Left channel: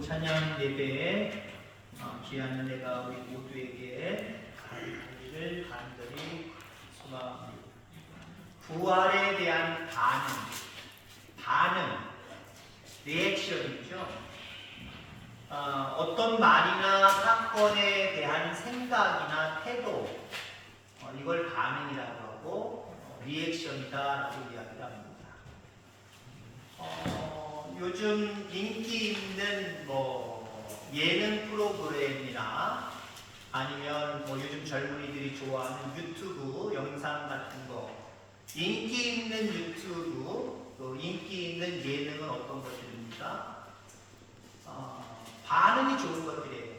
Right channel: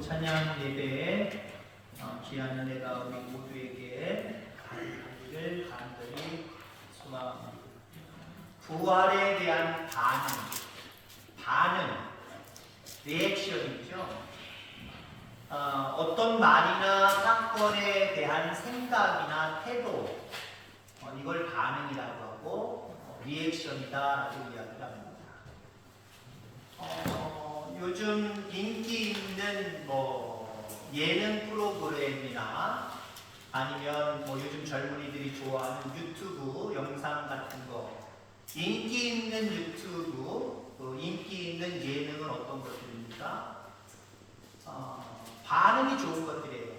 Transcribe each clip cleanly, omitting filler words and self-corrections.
오후 찬양 예배에 귀한 은혜가 우리 모두에게 가기를 간절히 소망합니다. 부활에 대한 반응, 리액션이죠. 어떤 말이나 사건에 대한 생각이나 태도, 이걸 반응이라고 하고 리액션이다라고 이야기를 합니다. 요즘 인기 있는 예능 프로그램이나 아니면 요즘 젊은이들이 좋아하는 유튜브 영상 같은 거, 인기 있는 유튜브, 인기 있는 예능은 어떤 것들입니까? 반응이 좋은 것들이에요.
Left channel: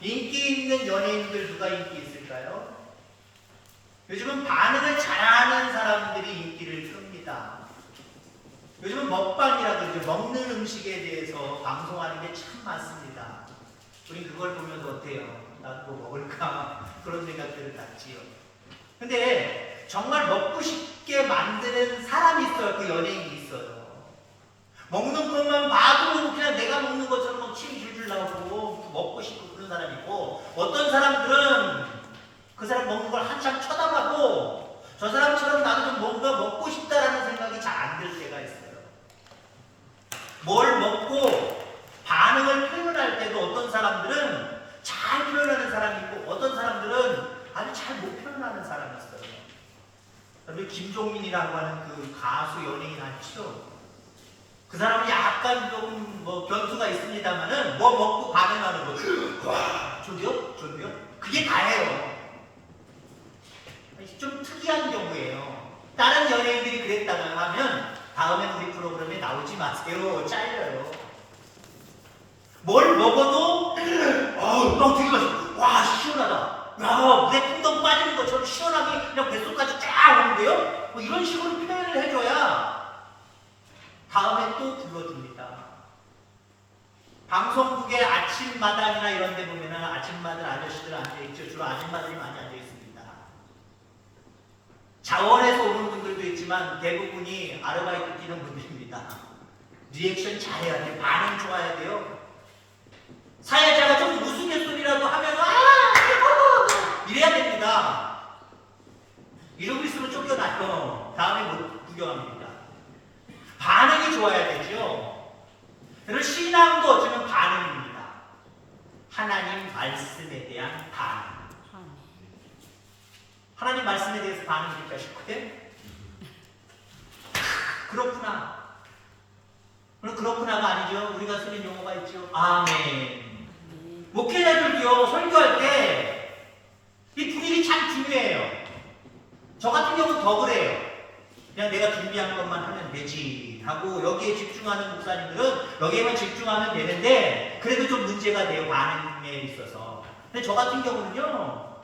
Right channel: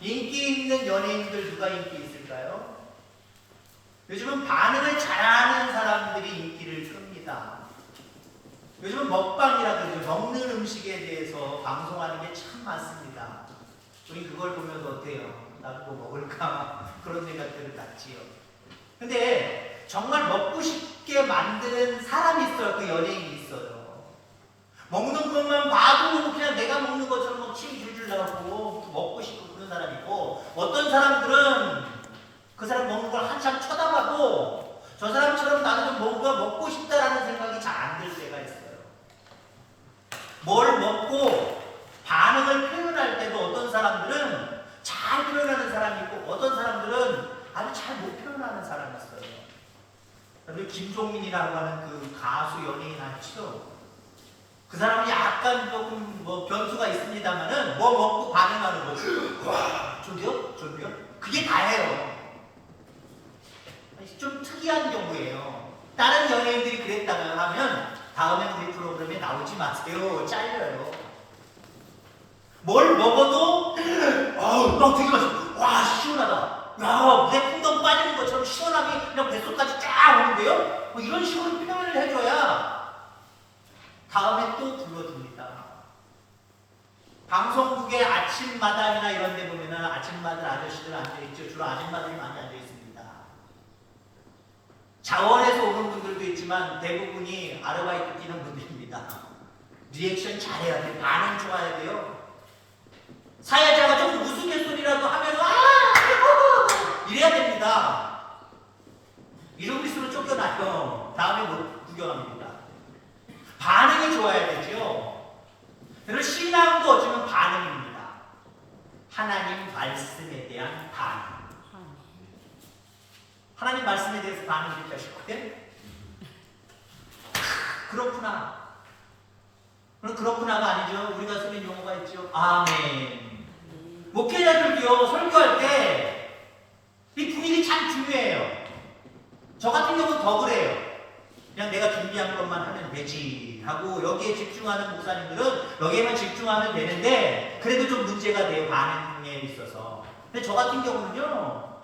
인기 있는 연예인들 누가 인기 있을까요? 요즘은 반응을 잘하는 사람들이 인기를 끕니다. 요즘은 먹방이라 그러죠. 먹는 음식에 대해서 방송하는 게 참 많습니다. 우리 그걸 보면 어때요? 나도 뭐 먹을까? 그런 생각들을 갖지요. 근데 정말 먹고 싶게 만드는 사람이 있어요. 그 연예인이 있어요. 먹는 것만 봐도 그냥 내가 먹는 것처럼 막 침 줄줄 나오고 먹고 싶고 그런 사람이 있고, 어떤 사람들은 그 사람 먹는 걸 한참 쳐다봐도 저 사람처럼 나도 좀 뭔가 먹고 싶다라는 생각이 잘 안 들 때가 있어요. 뭘 먹고 반응을 표현할 때도 어떤 사람들은 잘 표현하는 사람이 있고 어떤 사람들은 아주 잘 못 표현하는 사람이 있어요. 우리 김종민이라고 하는 그 가수 연예인 아시죠? 그 사람은 약간 조금 변수가 있습니다만은 먹고 반응하는 거죠. 와, 좋대요? 좋대요? 그게 다예요. 좀 특이한 경우예요. 다른 연예인들이 그랬다고 하면 다음에 우리 프로그램에 나오지 마세요. 잘려요. 뭘 먹어도 너무 되게 맛있어. 와, 시원하다. 야, 물에 풍덩 빠지는 것처럼 시원하게 그냥 뱃속까지 쫙 오는데요? 이런 식으로 표현을 해줘야 다음에 또 불러줍니다. 방송국의 아침마당이나 이런 데 보면은 아침마당 아저씨들 앉아있죠. 주로 아줌마들이 많이 앉아있습니다. 자원에서 오는 분들도 있지만 대부분이 아르바이트 뛰는 분들입니다. 리액션 잘해야 돼요. 반응 좋아야 돼요. 사회자가 좀 우스갯소리라도 하면 이래야 됩니다. 이러고 있으면 쫓겨나요. 다음에 못 구경합니다. 반응이 좋아야 되죠. 그래서 신앙도 어쩌면 반응입니다. 하나님 말씀에 대한 반응. 하나님 말씀에 대해서 반응입니까 싶고요? 그렇구나. 그렇구나가 아니죠. 우리가 쓰는 용어가 있죠. 아멘. 목회자들도요, 설교할 때 이 분위기 참 중요해요. 저 같은 경우는 더 그래요. 그냥 내가 준비한 것만 하면 되지 하고 여기에 집중하는 목사님들은 여기에만 집중하면 되는데 그래도 좀 문제가 돼요. 반응에 있어서. 근데 저 같은 경우는요,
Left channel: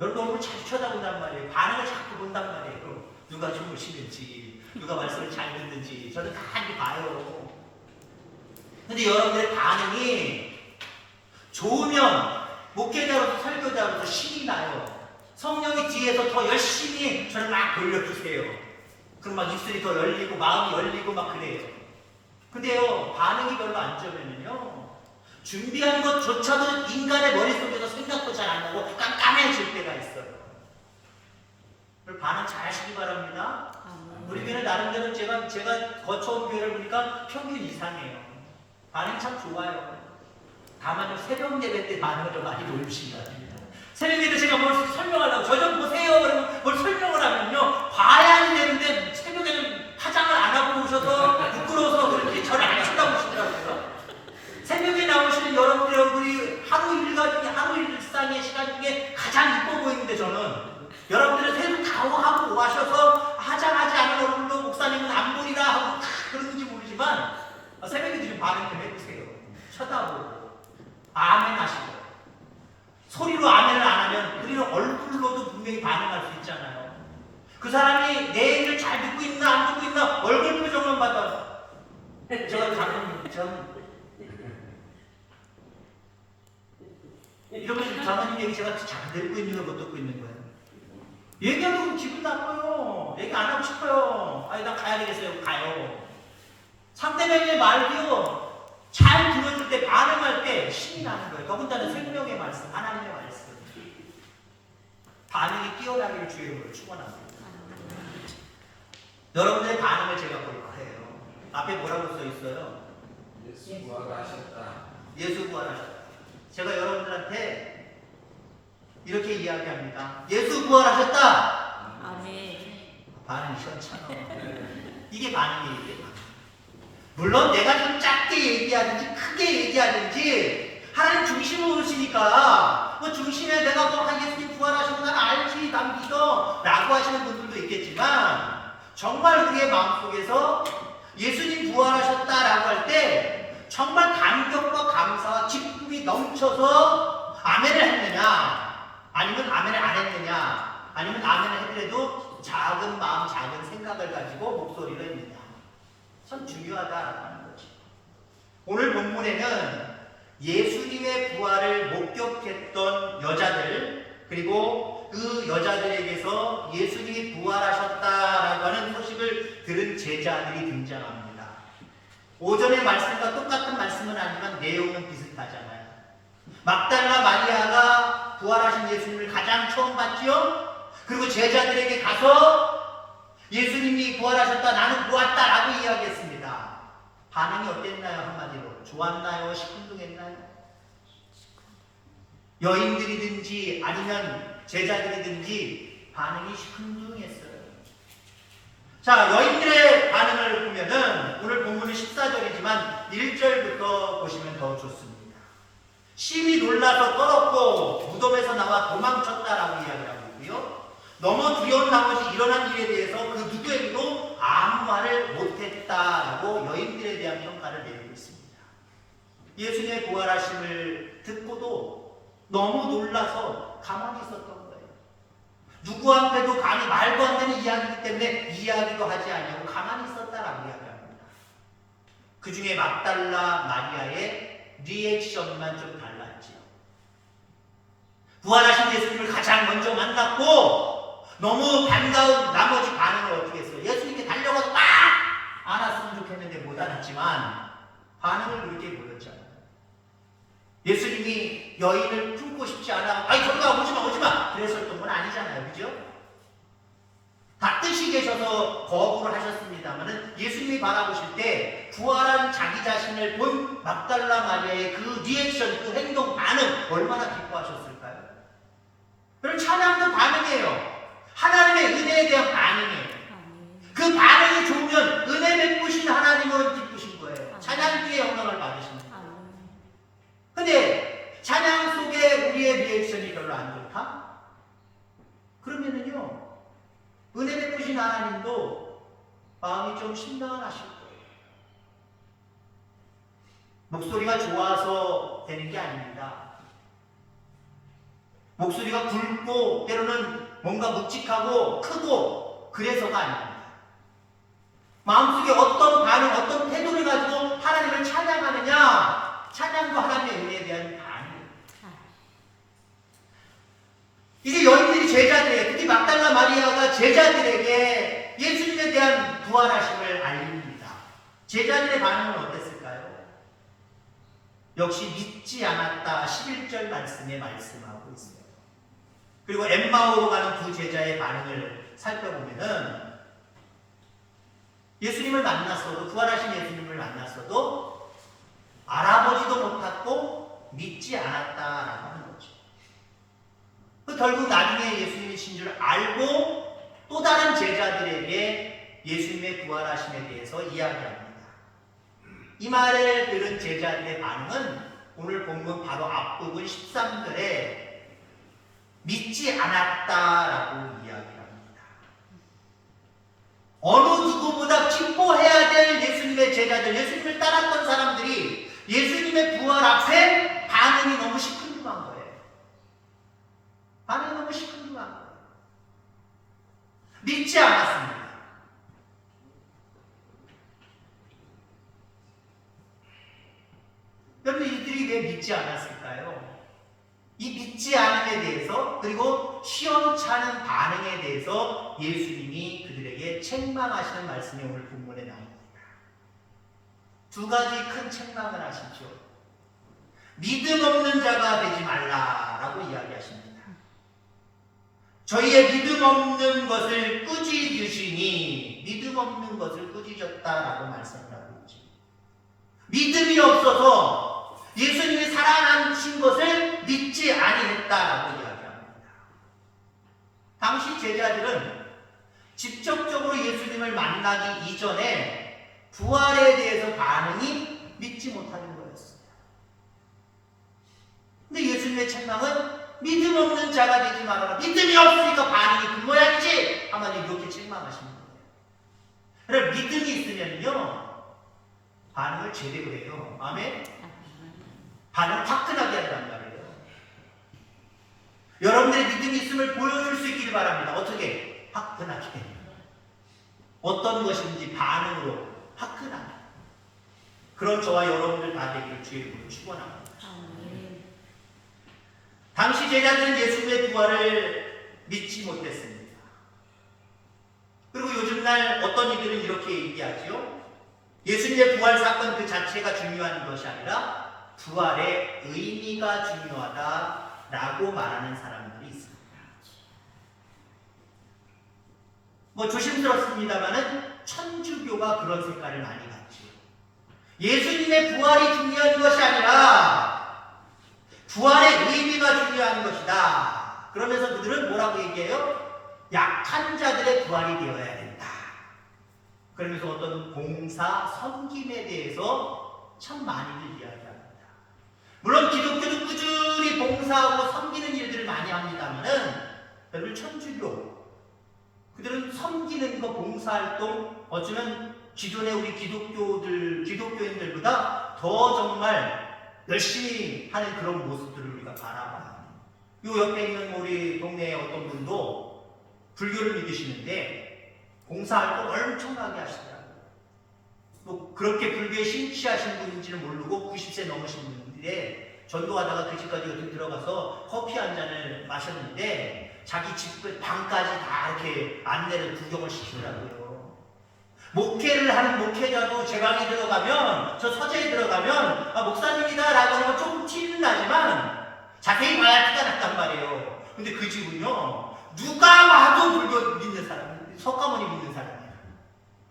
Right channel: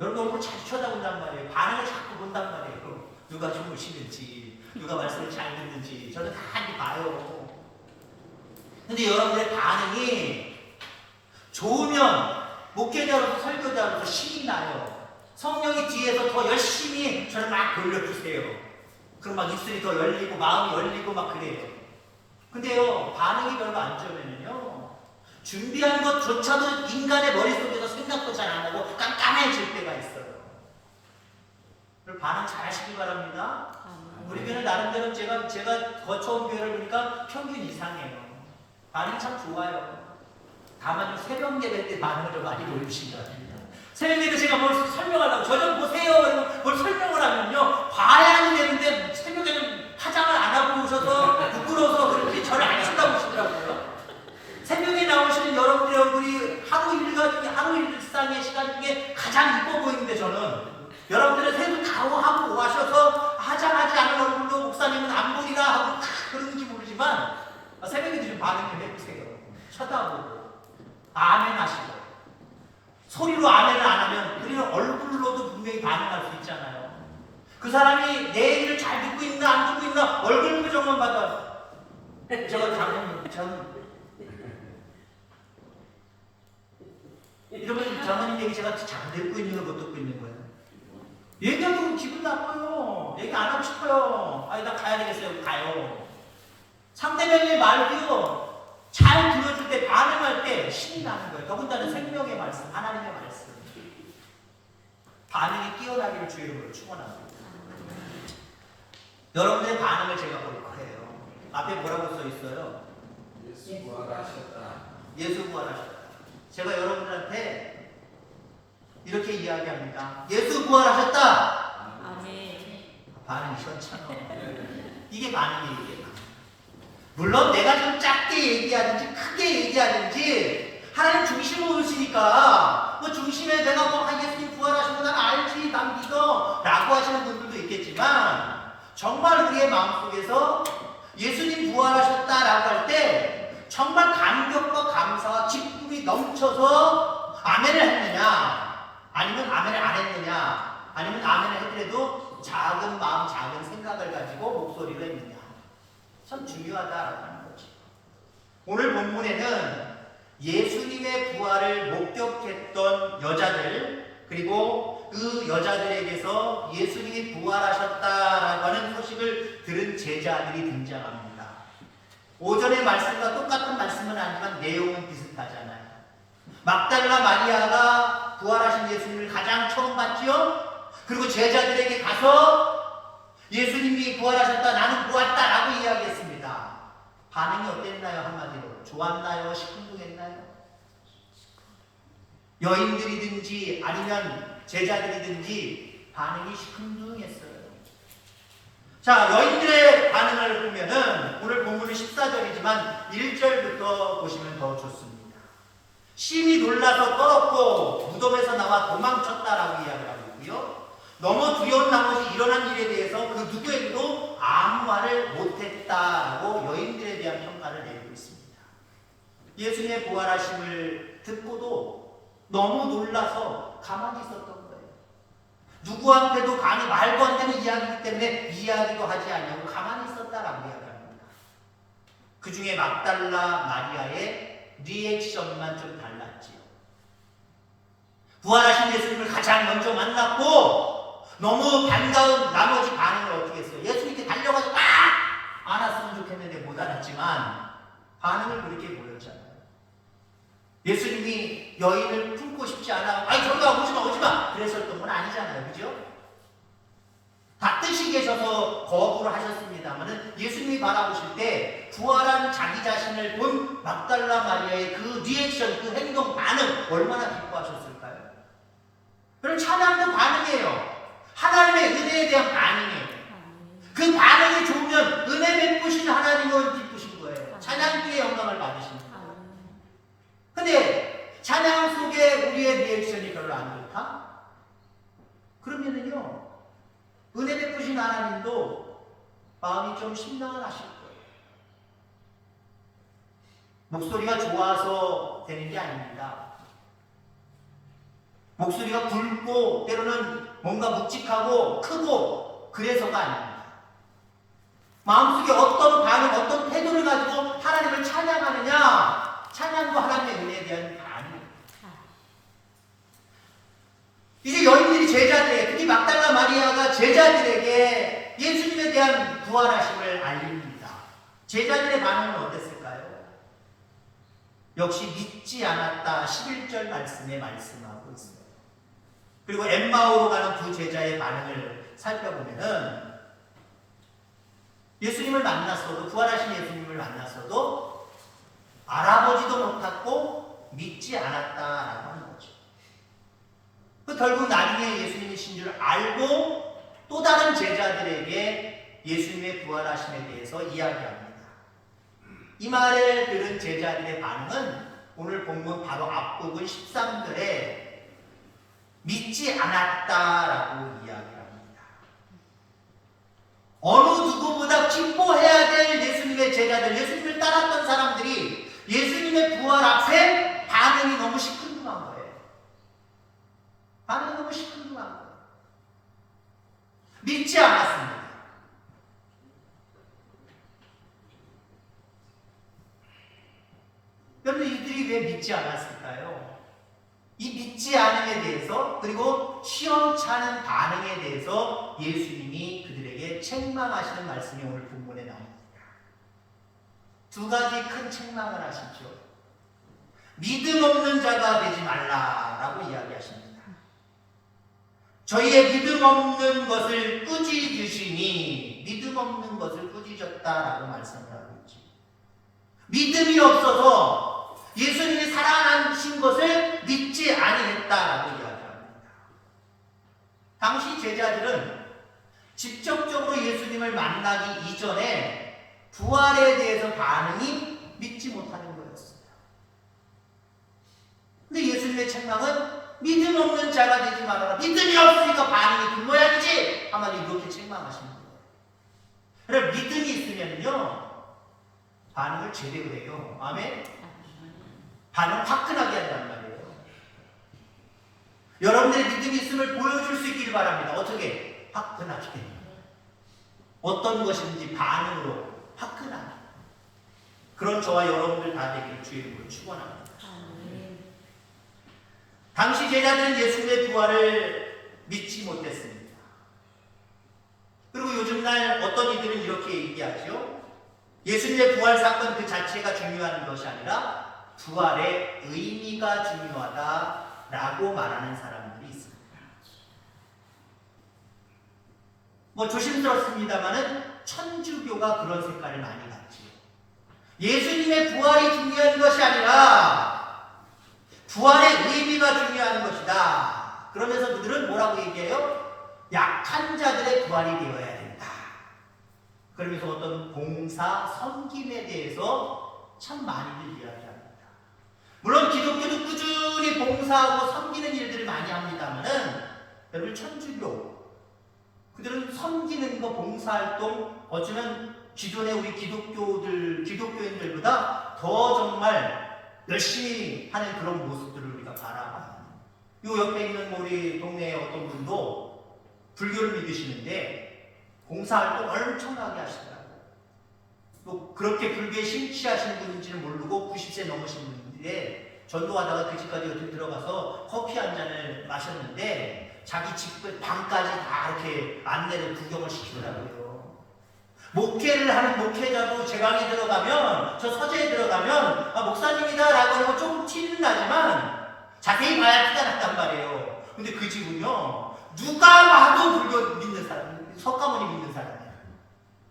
여러분 얼굴 잘 쳐다본단 말이에요. 반응을 자꾸 본단 말이에요. 누가 주무시는지, 누가 말씀을 잘 듣는지 저는 다 이렇게 봐요. 근데 여러분의 반응이 좋으면 목회자로서 설교자로서 신이 나요. 성령이 뒤에서 더 열심히 저를 막 돌려주세요. 그럼 막 입술이 더 열리고 마음이 열리고 막 그래요. 근데요, 반응이 별로 안 좋으면요, 준비한 것조차도 인간의 머릿속에서 생각도 잘 안 나고 깜깜해질 때가 있어요. 반응 잘 하시기 바랍니다. 우리 교회는 나름대로 제가 거쳐온 교회를 보니까 평균 이상이에요. 반응 참 좋아요. 다만 새벽 예배 때 반응을 좀 많이 보여주신다. 새벽 예배 제가 뭘 설명하려고 저 좀 보세요 그러면 뭘 설명을 하면요, 봐야 되는데 새벽에는 화장을 안 하고 오셔서 부끄러워서 그렇게 저를 안 쳐다보시더라고요. 새벽에 나오시는 여러분의 얼굴이 하루 일상의 시간 중에 가장 이뻐 보이는데 저는 여러분들의 새벽 가오하고 오셔서 화장하지 않은 얼굴로 목사님은 안 보리라 하고 그러는지 모르지만 새벽에 좀 반응 좀 해보세요. 쳐다보고 아멘 하시고. 소리로 아멘을 안 하면 우리는 얼굴로도 분명히 반응할 수 있잖아요. 그 사람이 내 얘기를 잘 듣고 있나 안 듣고 있나 얼굴 표정만 봐도 이러면 장모님 얘기 제가 잘 듣고 있는 걸 못 듣고 있는 거예요. 얘기하면 기분 나빠요. 얘기 안 하고 싶어요. 아니 나 가야 되겠어요. 가요. 상대방의 말도요 잘 들어주세요. 신이 나는 거예요. 더군다나 생명의 말씀, 하나님의 말씀. 반응이 뛰어나기를 주의 이름으로 축원합니다. 여러분의 반응을 제가 볼 거예요. 앞에 뭐라고 써 있어요? 예수 부활하셨다. 예수 부활하셨다. 제가 여러분들한테 이렇게 이야기합니다. 예수 부활하셨다. 아멘. 반응이 시원찮아. 이게 반응이에요. 이게 반응. 물론 내가 좀 작게 얘기하든지 크게 얘기하든지 하나님 중심으로 오시니까 뭐 중심에 내가 뭐 예수님 부활하시고 나는 알지 난 믿어 라고 하시는 분들도 있겠지만 정말 우리의 마음속에서 예수님 부활하셨다라고 할 때 정말 감격과 감사와 기쁨이 넘쳐서 아멘을 했느냐 아니면 아멘을 안 했느냐 아니면 아멘을 했더라도 작은 마음 작은 생각을 가지고 목소리로 했느냐 참 중요하다라고 하는 거죠. 오늘 본문에는 예수님의 부활을 목격했던 여자들 그리고 그 여자들에게서 예수님이 부활하셨다라고 하는 소식을 들은 제자들이 등장합니다. 오전의 말씀과 똑같은 말씀은 아니지만 내용은 비슷하잖아요. 막달라 마리아가 부활하신 예수님을 가장 처음 봤지요. 그리고 제자들에게 가서 예수님이 부활하셨다 나는 보았다라고 이야기했습니다. 반응이 어땠나요? 한마디로 좋았나요? 시큰둥했나요? 여인들이든지 아니면 제자들이든지 반응이 시큰둥했어요. 자, 여인들의 반응을 보면은 오늘 본문은 14절이지만 1절부터 보시면 더 좋습니다. 심히 놀라서 떨었고 무덤에서 나와 도망쳤다라고 이야기하고 있고요. 너무 두려운 나머지 일어난 일에 대해서 그 누구에게도 아무 말을 못했다라고 여인들에 대한 평가를 내리고 있습니다. 예수님의 부활하심을 듣고도 너무 놀라서 가만히 있었던 거예요. 누구한테도 말도 안 되는 이야기이기 때문에 이야기도 하지 않고 가만히 있었다라고 이야기합니다. 그 중에 막달라 마리아의 리액션만 좀 달랐지요. 부활하신 예수님을 가장 먼저 만났고 너무 반가운 나머지 반응을 어떻게 했어요? 예수님께 달려가서 막 안았으면 좋겠는데 못 안았지만 반응을 그렇게 보였잖아요. 예수님이 여인을 품고 싶지 않아 아이 저리가 오지마 그랬었던 건 아니잖아요. 그죠? 다 뜻이 계셔서 거부를 하셨습니다만 예수님이 바라보실 때 부활한 자기 자신을 본 막달라 마리아의 그 리액션, 그 행동, 반응 얼마나 기뻐하셨을까요? 그럼 찬양도 반응이에요. 하나님의 은혜에 대한 반응이에요. 그 반응이 좋으면 은혜 베푸신 하나님은 기쁘신 거예요. 찬양의 영광을 받으십니다. 근데 찬양 속에 우리의 리액션이 별로 안 좋다? 그러면은요 은혜 베푸신 하나님도 마음이 좀 심란하실 거예요. 목소리가 좋아서 되는 게 아닙니다. 목소리가 굵고 때로는 뭔가 묵직하고 크고 그래서가 아닙니다. 마음속에 어떤 반응, 어떤 태도를 가지고 하나님을 찬양하느냐 찬양도 하나님의 은혜에 대한 반응입니다. 이제 여인들이 제자들에게, 특히 막달라 마리아가 제자들에게 예수님에 대한 부활하심을 알립니다. 제자들의 반응은 어땠을까요? 역시 믿지 않았다 11절 말씀에 말씀하고 있습니다. 그리고 엠마오로 가는 두 제자의 반응을 살펴보면은 예수님을 만났어도 부활하신 예수님을 만났어도 알아보지도 못하고 믿지 않았다라고 하는 거죠. 결국 나중에 예수님이신 줄 알고 또 다른 제자들에게 예수님의 부활하심에 대해서 이야기합니다. 이 말을 들은 제자들의 반응은 오늘 본문 바로 앞부분 13절에 믿지 않았다라고 이야기합니다. 어느 누구보다 기뻐해야 될 예수님의 제자들, 예수님을 따랐던 사람들이 예수님의 부활 앞에 반응이 너무 시큰둥한 거예요. 반응이 너무 시큰둥한 거예요. 믿지 않았습니다. 여러분 이들이 왜 믿지 않았을까요? 이 믿지 않음에 대해서 그리고 시원찮은 반응에 대해서 예수님이 그들에게 책망하시는 말씀이 오늘 본문에 나옵니다. 두 가지 큰 책망을 하시죠. 믿음 없는 자가 되지 말라라고 이야기하십니다. 저희의 믿음 없는 것을 꾸짖으시니 믿음 없는 것을 꾸짖었다라고 말씀을 하고 있죠. 믿음이 없어서 예수님이 살아나신 것을 믿지 아니했다라고 이야기합니다. 당시 제자들은 직접적으로 예수님을 만나기 이전에 부활에 대해서 반응이 믿지 못하는 거였어요. 근데 예수님의 책망은 믿음 없는 자가 되지 말아라. 믿음이 없으니까 반응이 그 모양이지. 하나님 이렇게 책망하시는 거예요. 그래 믿음이 있으면요 반응을 제대로 해요. 아멘. 반응 화끈하게 한단 말이에요. 여러분들의 믿음이 있음을 보여줄 수 있기를 바랍니다. 어떻게? 화끈하게. 어떤 것인지 반응으로 화끈하게. 그런 저와 여러분들 다 되기를 주의 이름으로 축원합니다. 당시 제자들은 예수님의 부활을 믿지 못했습니다. 그리고 요즘날 어떤 이들은 이렇게 얘기하죠. 예수님의 부활 사건 그 자체가 중요한 것이 아니라 부활의 의미가 중요하다라고 말하는 사람들이 있습니다. 뭐 조심스럽습니다만은 천주교가 그런 색깔을 많이 갖죠. 예수님의 부활이 중요한 것이 아니라 부활의 의미가 중요한 것이다. 그러면서 그들은 뭐라고 얘기해요? 약한 자들의 부활이 되어야 된다. 그러면서 어떤 봉사, 섬김에 대해서 참 많이들 이야기합니다. 물론 기독교도 꾸준히 봉사하고 섬기는 일들을 많이 합니다만은 여러분 천주교 그들은 섬기는 거 봉사활동 어쩌면 기존의 우리 기독교인들보다 더 정말 열심히 하는 그런 모습들을 우리가 바라봐요. 요 옆에 있는 우리 동네에 어떤 분도 불교를 믿으시는데 봉사활동 엄청나게 하시더라고요. 또 그렇게 불교에 심취하신 분인지는 모르고 90세 넘으신 분인데 전도하다가 그 집까지 어떻게 들어가서 커피 한 잔을 마셨는데 자기 집 방까지 다 이렇게 안내를 구경을 시키더라고요. 목회를 하는 목회자도 제 방에 들어가면 저 서재에 들어가면 목사님이다 라고 하면 조금 티는 나지만 자세히 봐야 티가 났단 말이에요. 근데 그 집은요 누가 와도 불교 믿는 사람, 석가모니 믿는 사람이야.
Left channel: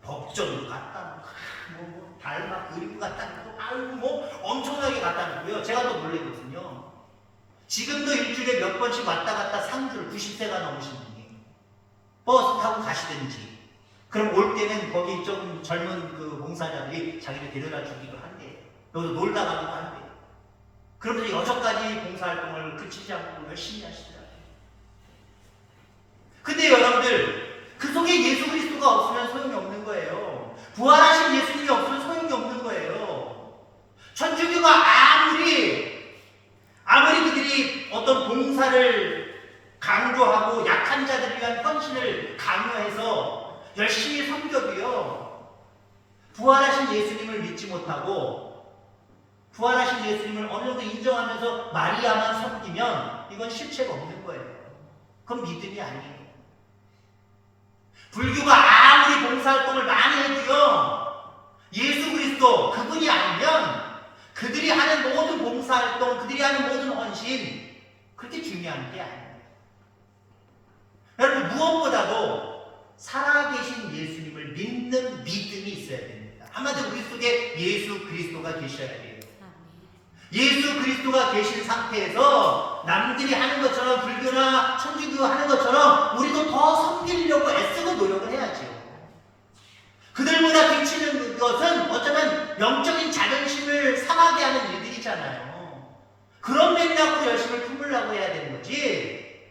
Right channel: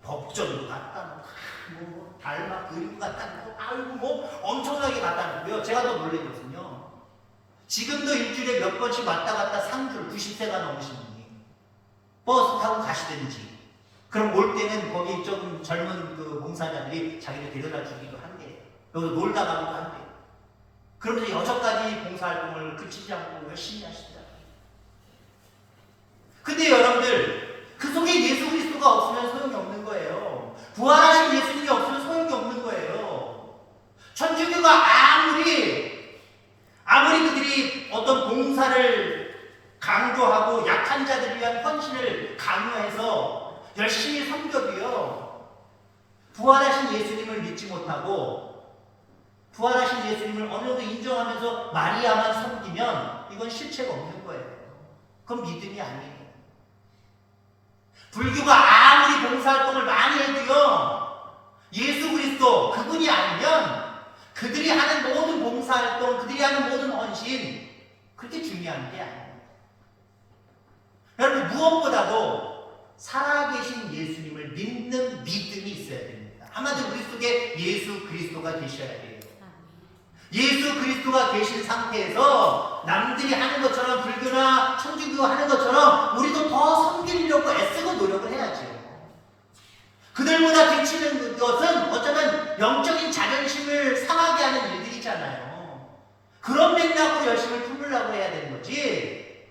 법전도 갖다 놓고 달마 그리고 갖다 놓고 아이고 뭐 엄청나게 갖다 놓고요. 제가 더 놀랬거든요. 지금도 일주일에 몇 번씩 왔다 갔다 상주를 90세가 넘으신 분이 버스 타고 가시든지 그럼 올 때는 거기 좀 젊은 그 봉사자들이 자기를 데려다 주기도 한대요. 여기서 놀다 가기도 한대요. 그러면서 여전까지 봉사활동을 그치지 않고 열심히 하시더라고요. 근데 여러분들 그 속에 예수 그리스도가 없으면 소용이 없는 거예요. 부활하신 예수님이 없으면 소용이 없는 거예요. 천주교가 아무리 그들이 어떤 봉사를 강조하고 약한 자들을 위한 헌신을 강요해서 열심히 섬겨도요 부활하신 예수님을 믿지 못하고 부활하신 예수님을 어느 정도 인정하면서 마리아만 섬기면 이건 실체가 없는 거예요. 그건 믿음이 아니에요. 불교가 아무리 봉사활동을 많이 해도요 예수 그리스도 그분이 아니면 그들이 하는 모든 봉사활동 그들이 하는 모든 헌신 그렇게 중요한 게 아니에요. 여러분 무엇보다도 살아계신 예수님을 믿는 믿음이 있어야 됩니다. 한마디로 우리 속에 예수 그리스도가 계셔야 돼요. 예수 그리스도가 계신 상태에서 남들이 하는 것처럼 불교나 천주교 하는 것처럼 우리도 더 섬기려고 애쓰고 노력을 해야죠. 그들보다 비치는 것은 어쩌면 영적인 자존심을 상하게 하는 일들이잖아요. 그런 맥락으로 열심히 품으려고 해야 되는 거지.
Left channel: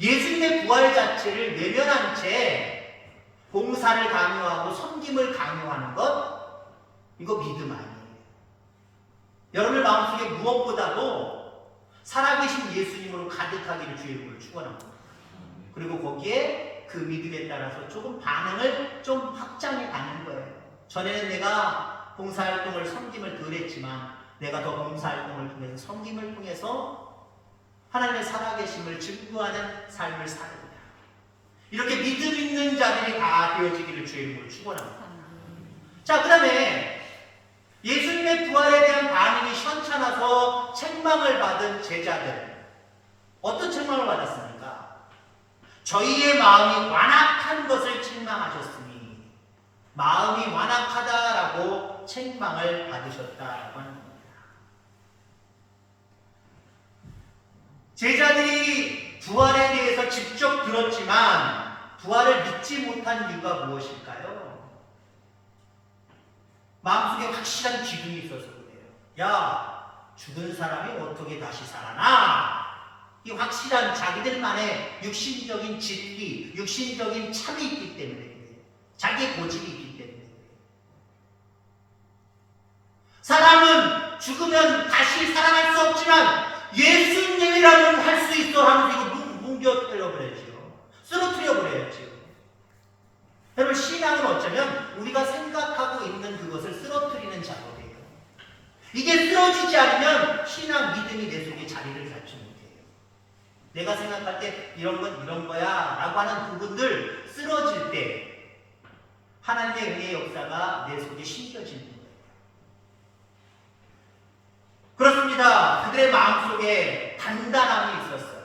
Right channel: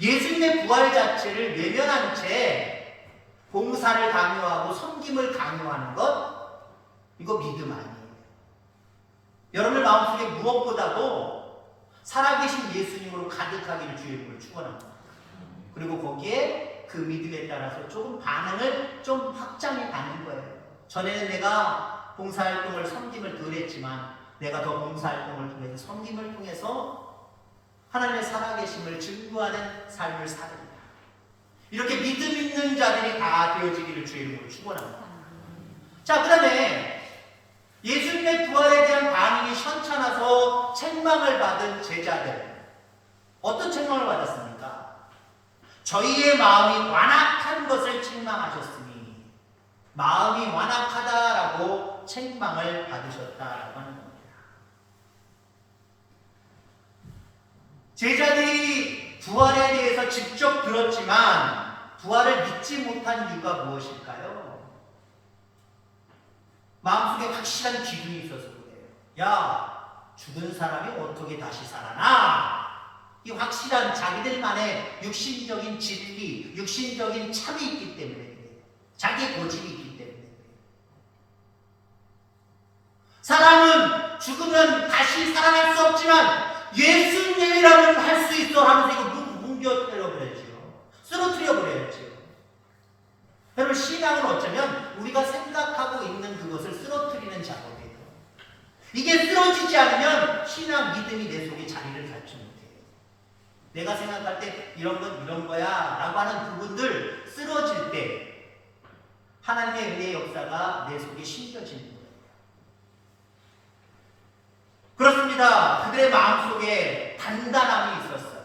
예수님의 부활 자체를 외면한 채 봉사를 강요하고 섬김을 강요하는 것 이거 믿음 아니에요. 여러분의 마음속에 무엇보다도 살아계신 예수님으로 가득하기를 주의 이름으로 축원합니다. 그리고 거기에 그 믿음에 따라서 조금 반응을 좀 확장해 가는 거예요. 전에는 내가 봉사활동을 섬김을 덜 했지만 내가 더 봉사활동을 통해서 섬김을 통해서 하나님의 살아계심을 증거하는 삶을 살아요. 이렇게 믿음 있는 자들이 다 되어지기를 주의 이름으로 축원합니다. 자, 그 다음에 예수님의 부활에 대한 반응이 현찮아서 책망을 받은 제자들, 어떤 책망을 받았습니까? 저희의 마음이 완악한 것을 책망하셨으니 마음이 완악하다라고 책망을 받으셨다라고 하는 겁니다. 제자들이 부활에 대해서 직접 들었지만 부활을 믿지 못한 이유가 무엇일까요? 마음속에 확실한 기둥이 있어서 그래요. 야, 죽은 사람이 어떻게 다시 살아나? 이 확실한 자기들만의 육신적인 진리, 육신적인 참이 있기 때문에 그래요. 자기의 고집이 있기 때문에 그래요. 사람은 죽으면 다시 살아날 수 없지만 예수님이라면 할 수 있어 하면서 이거 뭉겨뜨려버려야지요. 쓰러뜨려버려야지요. 여러분, 신앙은 어쩌면 우리가 생각하고 있는 그것을 쓰러뜨리는 작업이에요. 이게 쓰러지지 않으면 신앙 믿음이 내 속에 자리를 잡지 못해요. 내가 생각할 때 이런 건 이런 거야 라고 하는 부분들 쓰러질 때 하나님의 은혜의 역사가 내 속에 심겨지는 거예요. 그렇습니다. 그들의 마음속에 단단함이 있었어요.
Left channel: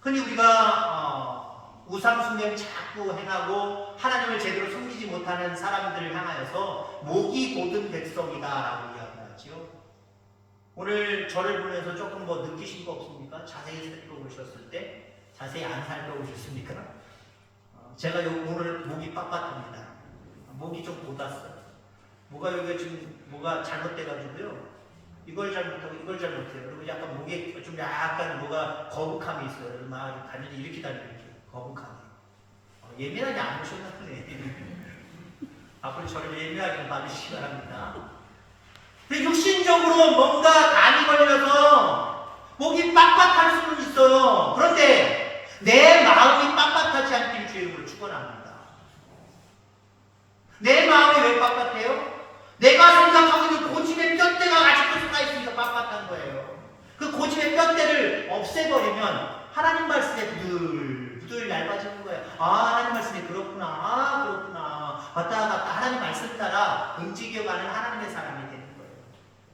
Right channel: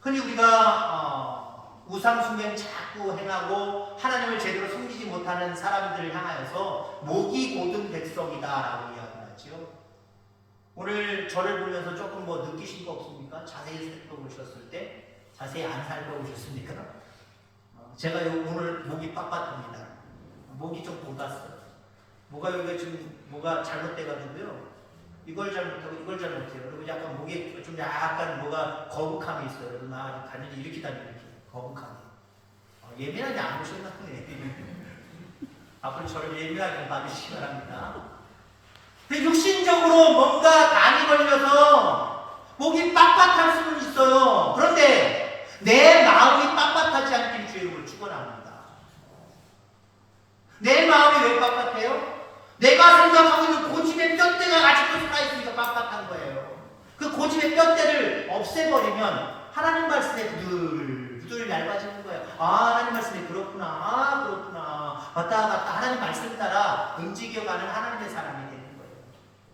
흔히 우리가 우상숭배를 자꾸 행하고 하나님을 제대로 섬기지 못하는 사람들을 향하여서 목이 곧은 백성이다라고 이야기하죠. 오늘 저를 보면서 조금 뭐 느끼신 거 없습니까? 자세히 살펴보셨을 때? 자세히 안 살펴보셨습니까? 제가 오늘 목이 빳빳합니다. 목이 좀 돋았어요. 뭐가 여기가 지금 뭐가 잘못돼가지고요. 이걸 잘못하고 이걸 잘못해요. 그리고 약간 목에 좀 약간 뭐가 거북함이 있어요. 막 가는지 이렇게 다니고 이렇게 거북함이. 예민하게 안 보셨나 보네. 앞으로 저를 예민하게 봐주시기 바랍니다. 근데 육신적으로 뭔가 간이 걸려서 목이 빳빳할 수는 있어요. 그런데 내 마음이 빳빳하지 않길 주의 이름으로 축원합니다. 내 마음이 왜 빳빳해요? 내가 생각하고 있는 고집의 뼈대가 아직도 살아있으니까 빳빳한 거예요. 그 고집의 뼈대를 없애버리면 하나님 말씀에 부들부들 얇아지는 거예요. 하나님 말씀이 그렇구나. 그렇구나. 왔다 갔다 하나님 말씀 따라 움직여가는 하나님의 사람이 되는 거예요.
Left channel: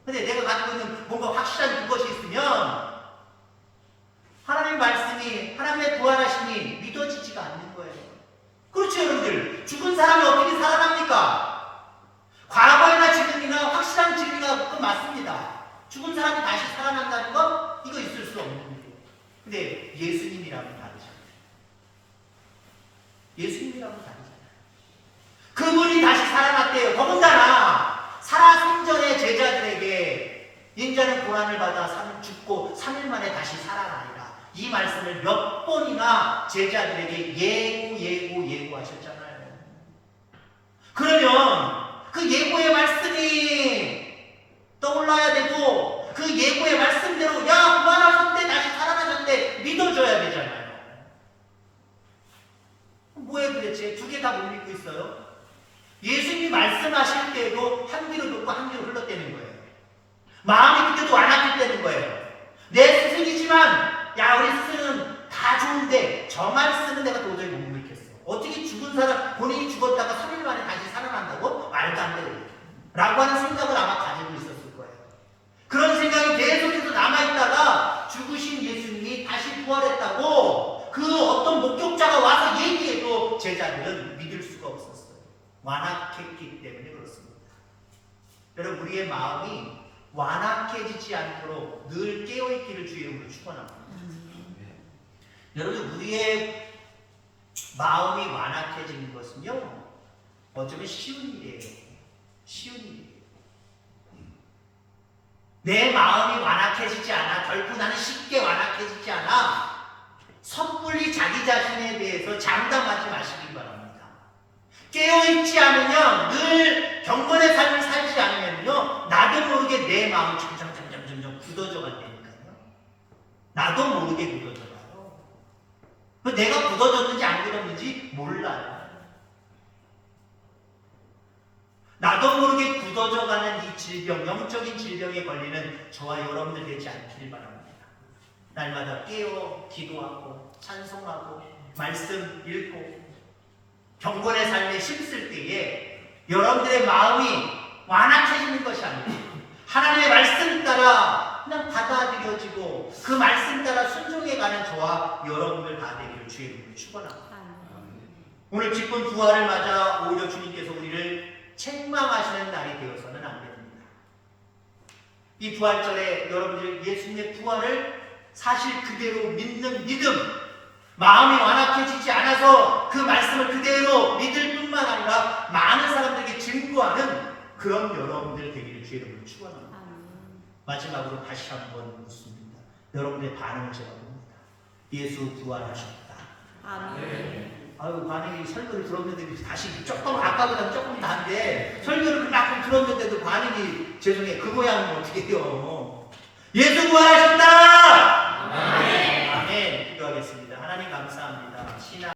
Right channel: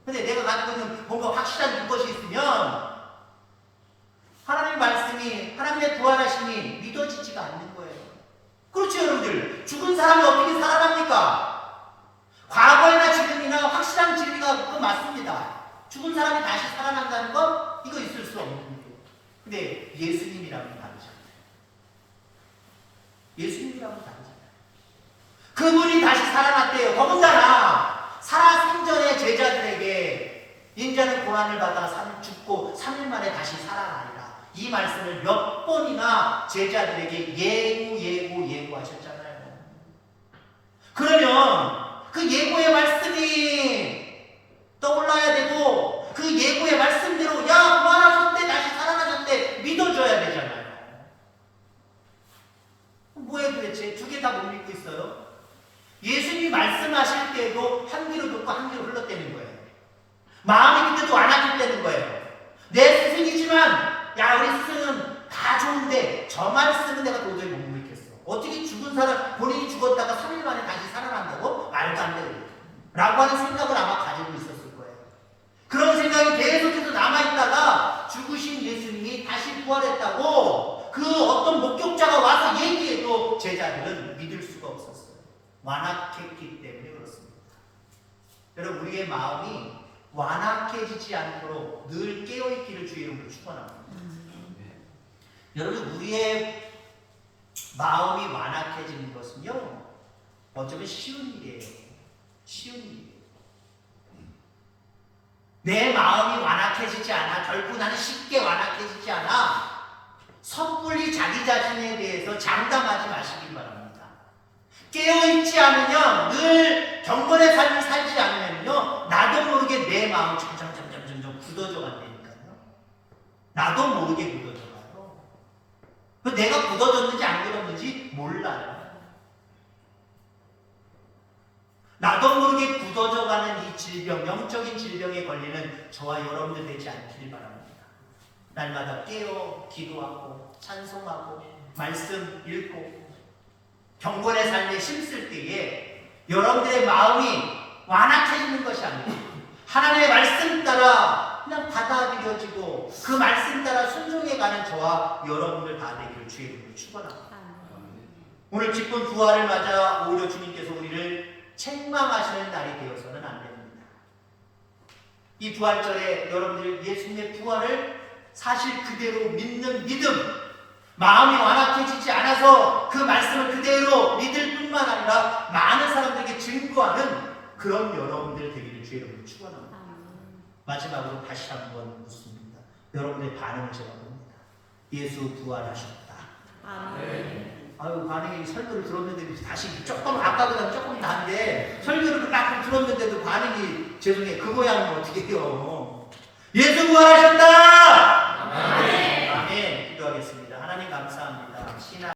근데 내가 가지고 있는 뭔가 확실한 그것이 있으면 하나님 말씀이, 하나님의 부활하심이 믿어지지가 않는 거예요. 그렇죠, 여러분들. 죽은 사람이 어떻게 살아납니까? 과거나 지금이나 확실한 진리가 그 맞습니다. 죽은 사람이 다시 살아난다는 건 이거 있을 수 없는 일이에요. 근데 예수님이라면 다르잖아요. 예수님이라면 다르잖아요. 그분이 다시 살아났대요. 더군다나 살아생전의 제자들에게 인자는 고난을 받아 죽고 3일 만에 다시 살아나리라. 이 말씀을 몇 번이나 제자들에게 예고하셨잖아요. 그러면 그 예고의 말씀이 떠올라야 되고 그 예고의 말씀대로 야 부활하셨대 다시 살아나셨대 믿어줘야 되잖아요. 뭐예요 도대체? 두 개 다 못 믿고 있어요. 예수님이 말씀하실 때도 한 귀로 듣고 한 귀로 흘렀다는 거예요. 마음이 그때도 완악했다는 거예요. 내 스승이지만 야 우리 스승은 다 좋은데 저 말씀은 내가 도저히 못 믿겠어. 어떻게 죽은 사람, 본인이 죽었다가 3일 만에 다시 살아난다고? 말도 안 돼. 라고 하는 생각을 아마 가지고 있었을 거예요. 그런 생각이 계속해서 남아있다가 죽으신 예수님이 다시 부활했다고 그 어떤 목격자가 와서 얘기해도 제자들은 믿을 수가 없었어요. 완악했기 때문에 그렇습니다. 여러분, 우리의 마음이 완악해지지 않도록 늘 깨어있기를 주의 이름으로 축원합니다. 여러분, 우리의 마음이 완악해지는 것은요, 어쩌면 쉬운 일이에요. 쉬운 일이에요. 내 마음이 완악해지지 않아. 결국 나는 쉽게 완악해지지 않아. 섣불리 자기 자신에 대해서 장담하지 마시기 바랍니다. 깨어있지 않으면, 늘 경건의 삶을 살지 않으면요, 나도 모르게 내 마음이 점점 굳어져 간다니까요. 나도 모르게 굳어져 가요. 내가 굳어졌는지 안 굳어졌는지 몰라요. 나도 모르게 굳어져가는 이 질병, 영적인 질병에 걸리는 저와 여러분들 되지 않기를 바랍니다. 날마다 깨어 기도하고 찬송하고 말씀 읽고 경건의 삶에 힘쓸 때에 여러분들의 마음이 완악해지는 것이 아니고 하나님의 말씀 따라 그냥 받아들여지고 그 말씀 따라 순종해가는 저와 여러분들 다 되기를 주의 이름으로 축원합니다. 오늘 기쁜 부활을 맞아 오히려 주님께서 우리를 책망하시는 날이 되어서는 안 됩니다. 이 부활절에 여러분들 예수님의 부활을 사실 그대로 믿는 믿음, 마음이 완악해지지 않아서 그 말씀을 그대로 믿을 뿐만 아니라 많은 사람들에게 증거하는 그런 여러분들 되기를 주의 이름으로 축원합니다. 마지막으로 다시 한번 묻습니다. 여러분들의 반응을 제가 봅니다. 예수 부활하셨다. 아유, 반응이 설교를 들었는데 다시 조금 아까보다 조금 다른데 설교를 그만큼 들었는데도 반응이 죄송해요. 그 모양은 어떻게 해요? 예수 부활하셨다.